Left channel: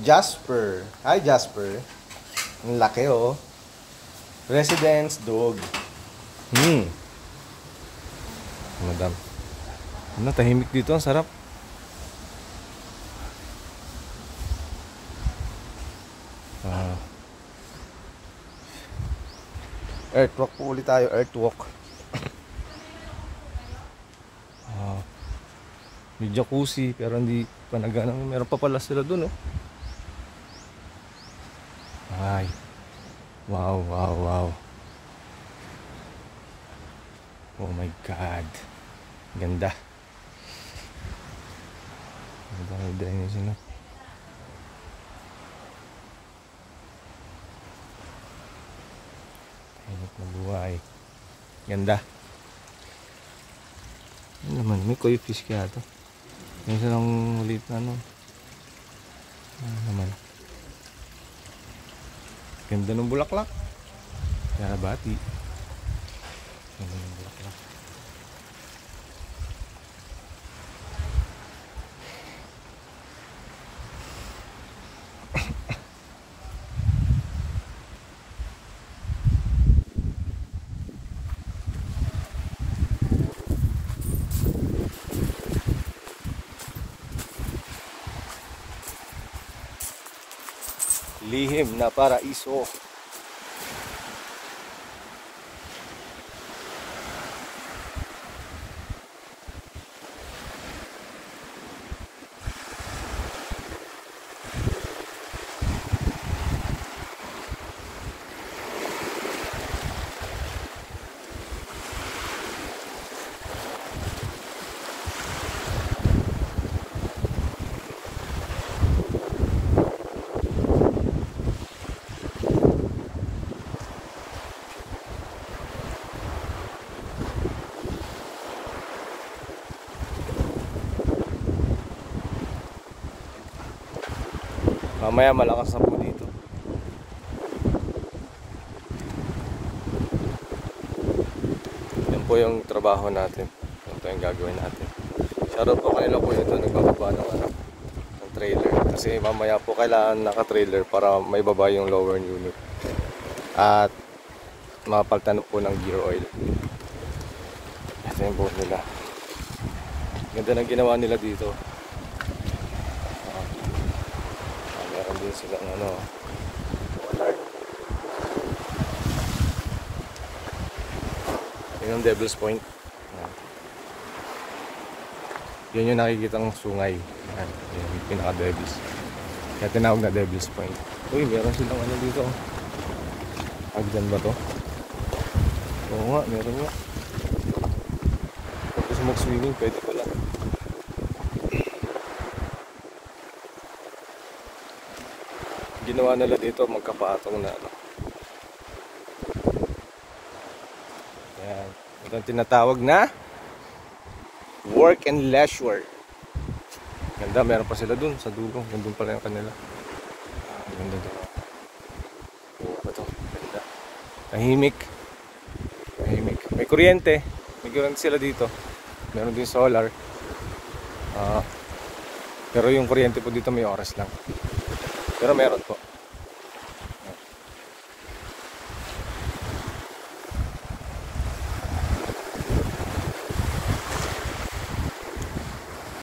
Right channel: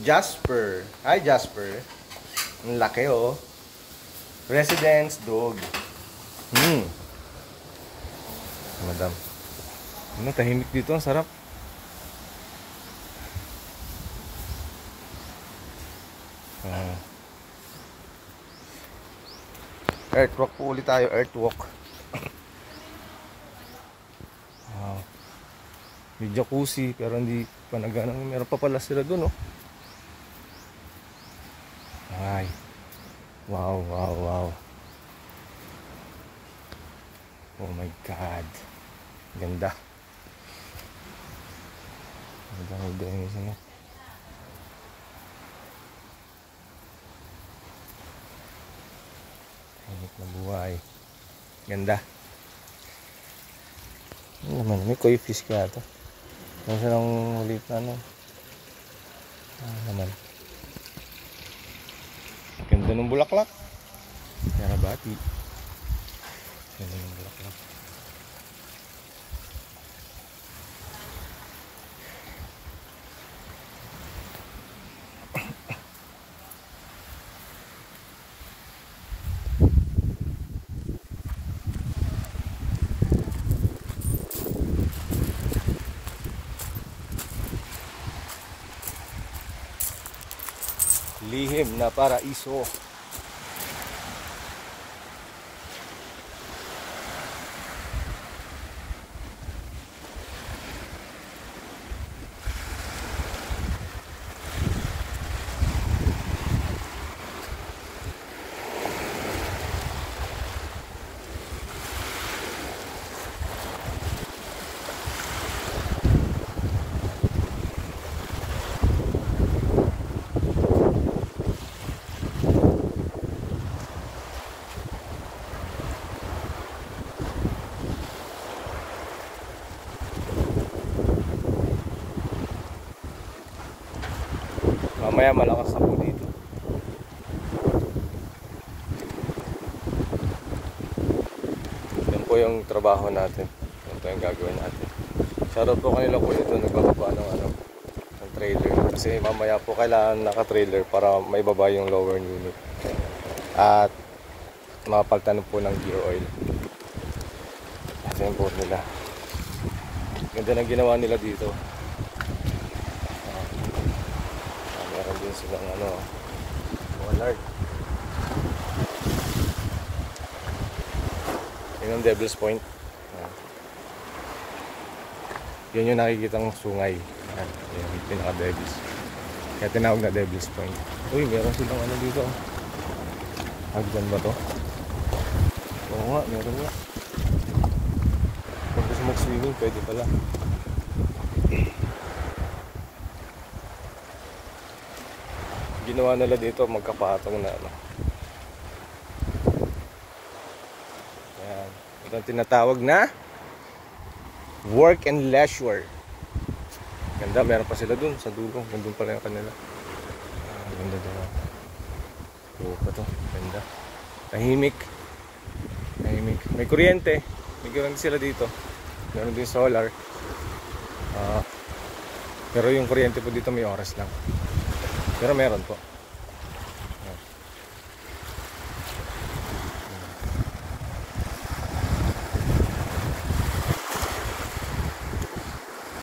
Jasper. Hi, Jasper. Ang laki, oh. Residence dog. Madam. Ano, tahimik dito. Ang sarap. Earthwalk po ulit tayo. Earthwalk. May jacuzzi pero hindi pa nagana. Meron pa pala sila dun, oh. Ay. Wow, wow, wow. Oh my God. Ganda. Ganda ng drainage, no? Init na buhay. Ganda. Ano naman, may koi fish ka ito. May silang ulit na, ano. Ano naman. Ganda ng bulaklak. Yarabati. Ganda ng bulaklak. Lihim na paraiso. Mamaya malakas na po dito. Yan po yung trabaho natin. Yan po yung gagawin natin. Shoutout po kanila po ito. Nagbababa ng trailer. Kasi mamaya po kailangan naka-trailer para may baba yung lower unit. At mapalitan po ng gear oil. Ito yung board nila. Ganda ng ginawa nila dito. Meron din silang ano, wallard. Yun yung Devil's Point. Yun yung nakikitang sungay. Yan, yun yung pinaka-Devil's. Kaya tinawag na Devil's Point. Uy, meron silang ano dito. Hagdan ba to? Oo nga, meron nga. Kung gusto mag-swimming, pwede pala. Ginawa nila dito magkapatong na ano. Yan. Ito ang tinatawag na work and leisure. Ganda, meron pa sila dun sa dulo. Nandun pala yung kanila. Ganda dun. Oo pa to. Ganda. Tahimik. Tahimik. May kuryente. May kuryente sila dito. Meron din solar. Pero yung kuryente po dito may oras lang. Pero meron po.